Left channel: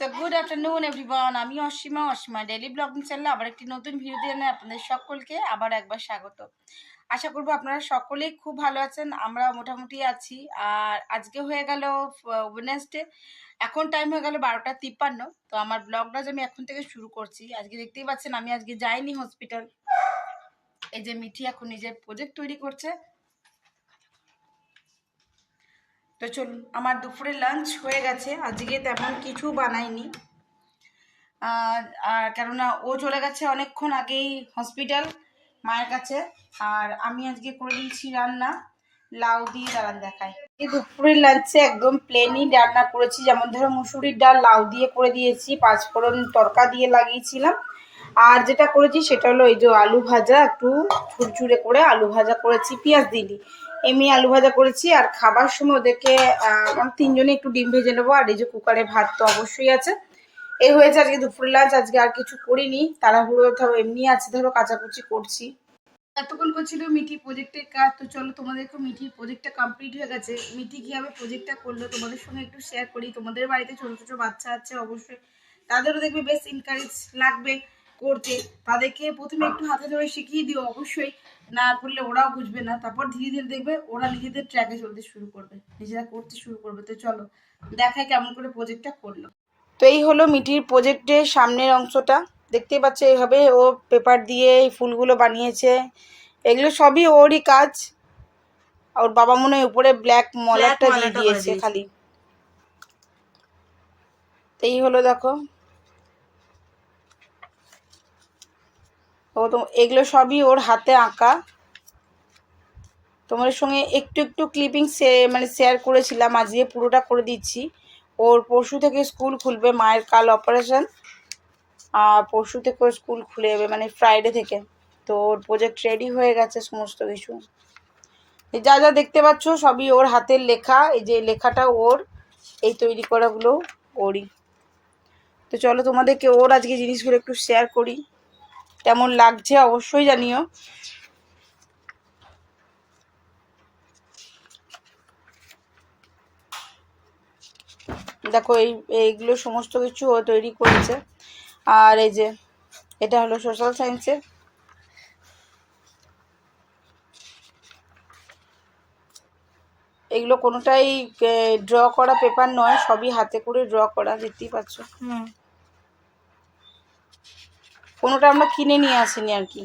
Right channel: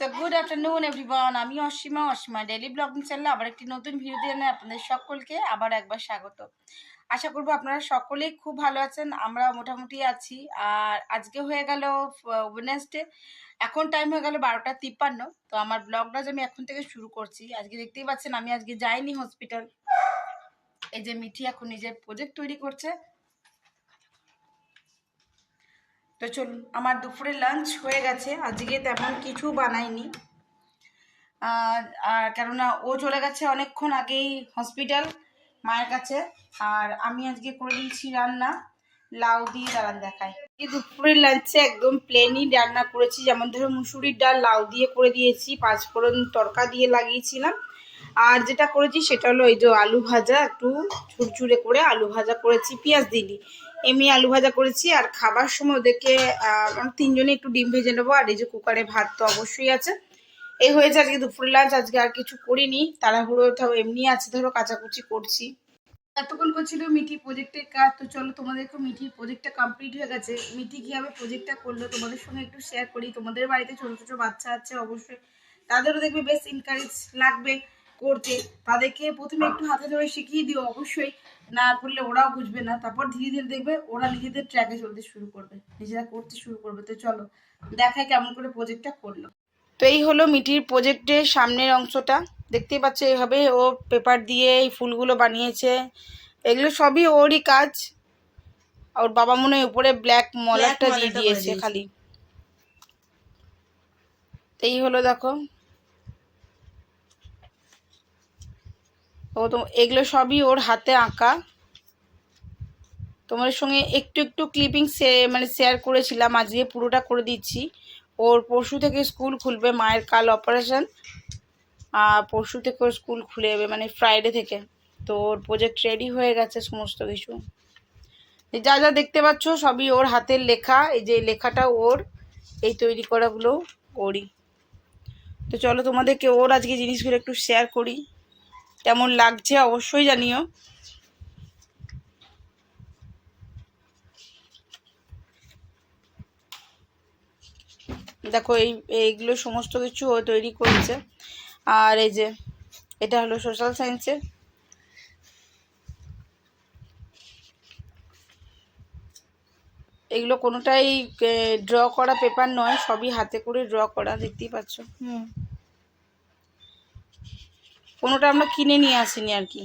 So good afternoon everyone, আমি Asima daily blogging চ্যানেলে আবার একটি নতুন ভিডিও দিয়ে আপনাদের সকলকে আবার একবার স্বাগত। আশা করবো আপনারা সকলেই খুব ভালো আছেন, আমরা মোটামুটি আছি। আর আজকে হয়ে গেল ওয়েডনেসডে, এখন টাইম হয়ে গেল 12:53। তো আমার ব্লগটা আমি এখন থেকে শুরু করছি। আজকে দেখতেই পাচ্ছেন আমি আজকে যাইনি হসপিটাল। এই যে মিঠি এখন নিজের প্রজেক্ট তৈরি করছে। তো চলুন, আমার দুপুরে লাঞ্চ হয়ে গেছে, আজকে তেমন কিছু বানাইনি। আর কেননা ও চলে গেছে অনেকক্ষণ আগেই হসপিটাল মায়ের কাছে। আর আমি আজকে করে দিয়েছি রান্না লাউ দিয়ে। দাঁড়ান দেখাই। এই দুপুরের লাঞ্চে একদম প্লেনই রান্না করেছি, যেমন ধরো মুসুরির ডাল লাউ দিয়ে করে দিয়েছি, পাঁচফোড়ন তড়কা দিয়ে লাগিয়েছিলাম। আর যেটা করেছি সেটা হলো এই যে আলু ভাজা, একটু ঝুরঝুরে করে আলু ভাজা করেছি, পেঁয়াজ দিলি এমনি আলু ভাজা করেছি। আর খাবার সময় ওদেরকে তিনজনে একটু ডিম ভেজে নেবো। আর এই যে কুকারে ভাত তো অবশ্যই আছে। এই হয়েছে আজকে দুপুর লাঞ্চ। আজকে আর কিছু করিনি, তাড়াহুড়ো এমনি আছে, ধরো কাচাকুচি করছি। এতক্ষণ করছিল মিঠি প্রজেক্টের কাজ। তো চলো তোমাদেরকে মিঠির প্রজেক্টটা কমপ্লিট হয়ে গেছে। মিঠি কীভাবে প্রজেক্টটা করলো তোমাদের সঙ্গে একটু শেয়ার করি। তোমাদের বাড়িতে ছোটো ছোটো বাচ্চা আছে, অবশ্যই তাদেরও দেখবে বেশ এনকারেজ লাগবে করতে। তাদেরকে প্রথমে একটু হাতে ধরে শিখিয়ে দিও, অবশ্যই না করলে ওরাও বুঝবে না। তারপর ধীরে ধীরে দেখবে ওরা নিজেদের ট্র্যাকে চলতে শুরু করবে, নিজেরা করতে শুরু করবে। তো চলো দেখাই কেমন করে প্রজেক্টটা করলো। তো এই হলো মিঠির প্রজেক্টের সামনের অংশটা, দেখতেই পাচ্ছ। এইভাবে ও পেপার দিয়ে এই ফুলগুলো বানিয়েছে। এগুলো সবই ওরই কাজ। ওর বাবা মনে হয় উপরে ব্ল্যাক মলারটা দিয়ে দিয়েছে খালি। এই হলো দেখো, ও তো এগুলো সবই ওর হাতে আঁকা। তোমাদের সঙ্গে একটু একটু ক্লিপিং মানে শেয়ার করেছিলাম, আজকে পুরোটা করে দিচ্ছি। ওর পরশু থেকে স্কুল খুলবে, মায়ের কাল অপারেশন। আর পরশু থেকে ওর স্কুল খুলে যাবে, মানে ফ্রাইডে থেকে। তো ওর প্রজেক্ট রেডি হয়ে গেছে সমস্ত কিছু। যা যা দেখতে পাচ্ছ সবই ওর হাতের লেখা। এই যে লেখাটা ওর, এই তৈরি করাগুলো ওরই। তো চলো তোমাদেরকে ওর আজকে জিনিসগুলো একটু শেয়ার করি, কেমন লাগছে অবশ্যই জানিও। দেখো এইগুলো সমস্ত কিছু ও তৈরি করেছে। আর এই যে এটা হলো সোশ্যাল সায়েন্সের। এগুলো কোনোটাই ড্র করা পেপার নয়, সবই হাতে করে ড্র করা, দেখতেই পাচ্ছ। কোনোটা আমরা কিনে নিয়ে আসিনি আর কি,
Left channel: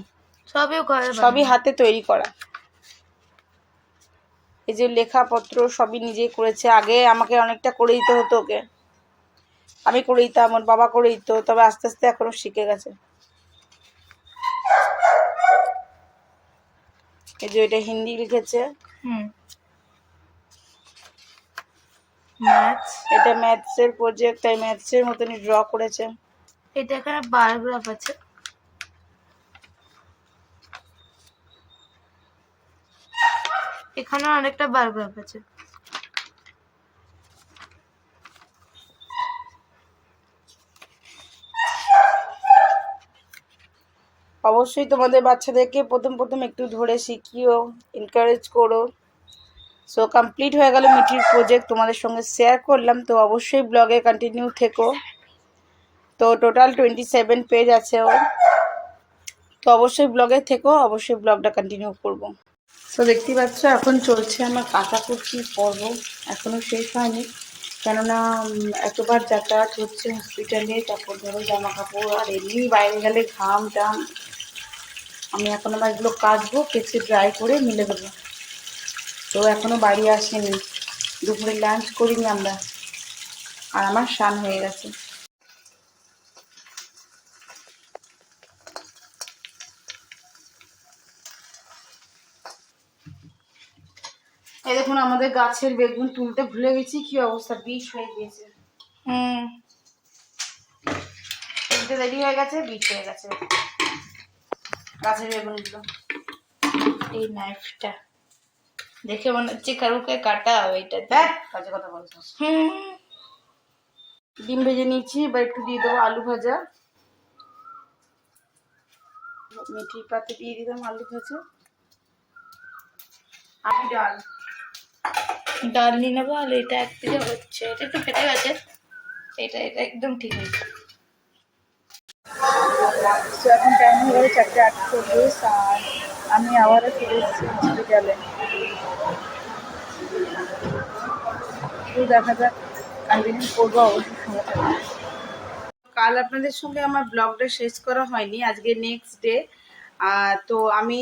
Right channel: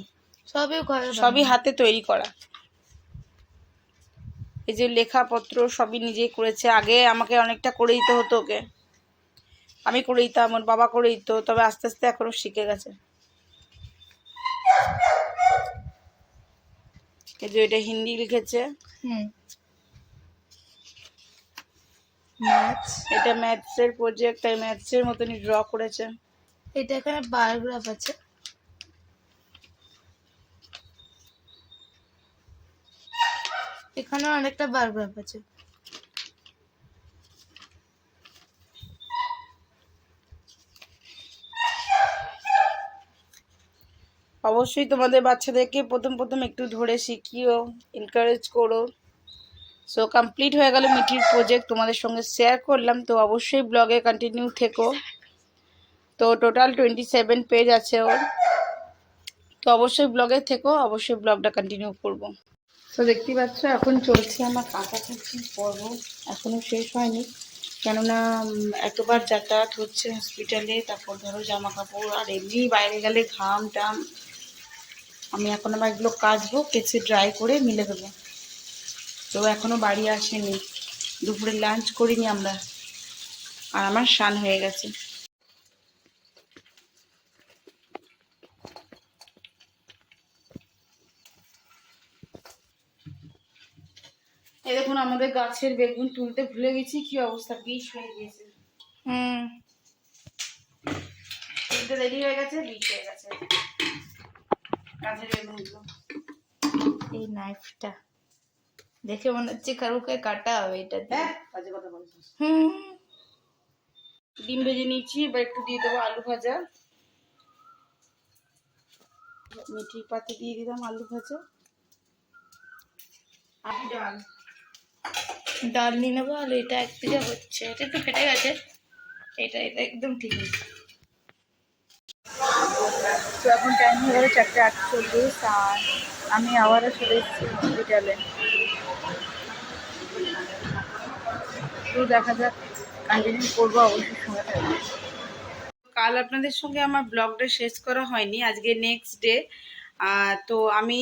সবই হাতে তৈরি করা। এই যে লেখাপত্র সবই নিজেই করেছে। আগে আমাকে অনেকটা করে দিতে হতো ওকে, আমি করে দিতাম, ওর বাবা করে দিত, তবে আস্তে আস্তে এখনো শিখে গেছে। এই যে এটা হিন্দি লিখেছে, এটা ম্যাথসের প্রজেক্ট, তাই ম্যাথসের মতনই ড্র করেছে। এটা এখানে বায়োগ্রাফ আছে, এখানে অনেকটা বায়োগ্রাফ আছে। অবশ্যই তোমাদের বাচ্চাদেরকে প্রথম প্রথম একটু ধরে শিখিও, এনকারেজ করো। সো কমপ্লিট হয়ে গেল মিঠির প্রজেক্ট, তোমাদের সঙ্গে শেয়ার করলাম। তো অবশ্যই ব্লগে কন্টিনিউ থেকো। তো টোটাল 27 পেজ আছে ওর। তো অবশ্যই ব্লগে থেকো, অবশ্যই ব্লগটা কন্টিনিউ করব। তো দেখতেই পাচ্ছ এখন চলছে আমার কাচাকুচি পর্ব, এখনও শেষ হয়নি। কেননা এতবার যাতায়াত হচ্ছে হসপিটালে, তারপর ধরো জামা কাপড়, আর এমনি বাইরে গেলে ঘাম টাম। আমি এখন আবার এগুলো কাচবো, কেচে ড্রাই করে মিলে দেবো। তো এখনও বাড়ি আসেনি, দুপুরে লাঞ্চ করিনি আমরা। আর আমার স্নান হয়ে গেছে। এই দেখুন আমাদের গাছের বেগুন তুলতে ভুলে গেছি, কি অবস্থা, বিষ হয়ে গিয়েছে। তুলতে দেরি হয়ে গেছে, বিষ হয়ে গেছে গাছের বেগুনগুলো। এই নাইফটা দেখে মনে হচ্ছে কারুকে কাটা হবে, এটা দেখ কাজে কথা বলছো। ডিম ভেজে নিয়েছি, এবার একটু দিয়ে দেবো আলু ভাজা। মিঠি পাতে দিয়ে দিলাম আলু ভাজা, আর ডাল ডাল নিয়ে নেবো। আর এটা একদিকে হচ্ছে, এটা একটু ফেটে গেছে, এটা এটা একদম ঠিক আছে। তো এখন টাইম হয়ে গেল 4:48 আর আমি আবারও চলে এসেছি হসপিটালে। তো দেখা যাক, কন্টিনিউ করবো অবশ্যই, সঙ্গে থাকবে। কাল আপনাদের সঙ্গে আমার ব্লগটা শেষ করা হয়নি, আজকে নেক্সট ডে। তো আমি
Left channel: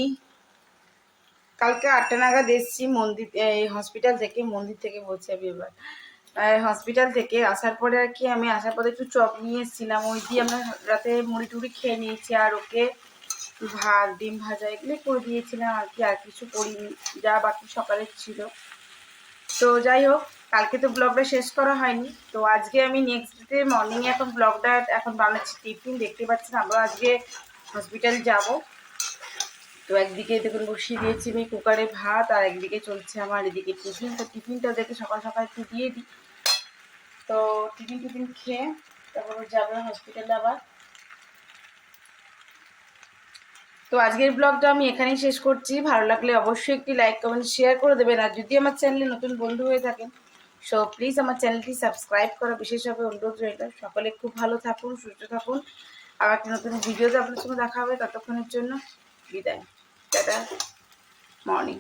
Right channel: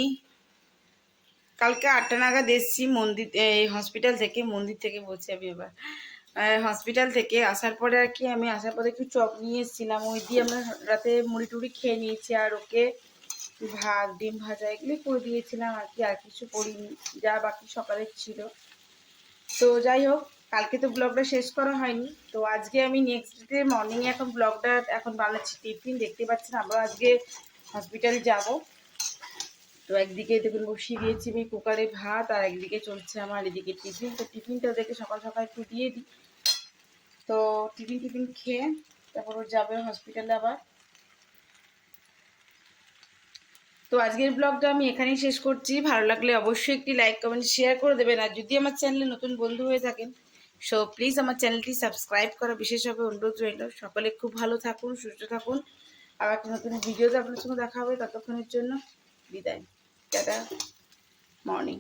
কালকে 8টা নাগাদ এসেছি মন্দির, এই হসপিটাল থেকে, মন্দির থেকে বলছি আমি এবার, হসপিটাল থেকে আসার পরে আর কি, আমি আসার পরে একটু চপ নিয়ে এসেছিলাম, ওই দিয়ে আমরা রাতে মুড়ি টুড়ি খেয়ে নিয়েছি। আর ওকে ভাত ডিম ভাজা এগুলো করে দিয়েছিলাম আর কি, আর কিছু করিনি, যা বাকি সকালের ছিল। তো যাই হোক, কালকে তো ব্লগটা শেষ করা হয়নি, তো আজকে আমি নেক্সট ডে মর্নিংয়ে এখন ব্লগটা এখন বানাচ্ছি। টিফিন দেখতে পাচ্ছেন, আবার আজকে হসপিটাল যাব। তো একদিকে দেখুন বসিয়ে দিয়েছি আমি কুকারে ভাত, আর একদিকে চলছে আমার এদিকে টিফিন। তো টিফিনটা দেখে সকাল সকাল একটু দিয়ে দিই। তো টিফিন খেয়ে তারপর ও যাবে হসপিটালে আবার। তো আজকের ব্লগটা আমি এখানেই শেষ করছি। ভালো লাগলে অবশ্যই একটি লাইক কমেন্ট শেয়ার করে দেবেন। আর যদি আমার চ্যানেলে নতুন বন্ধু হয়ে থাকেন, সো প্লিজ আমার চ্যানেলটি সাবস্ক্রাইব করা বিশেষভাবে অনুরোধ রইল। সকলে খুব ভালো থাকুন, সুস্থ থাকুন। আবার একটা নতুন ভিডিওতে আপনার সঙ্গে দেখা হবে। ততক্ষণের জন্য বিদায়, টাটা, মর্নিং।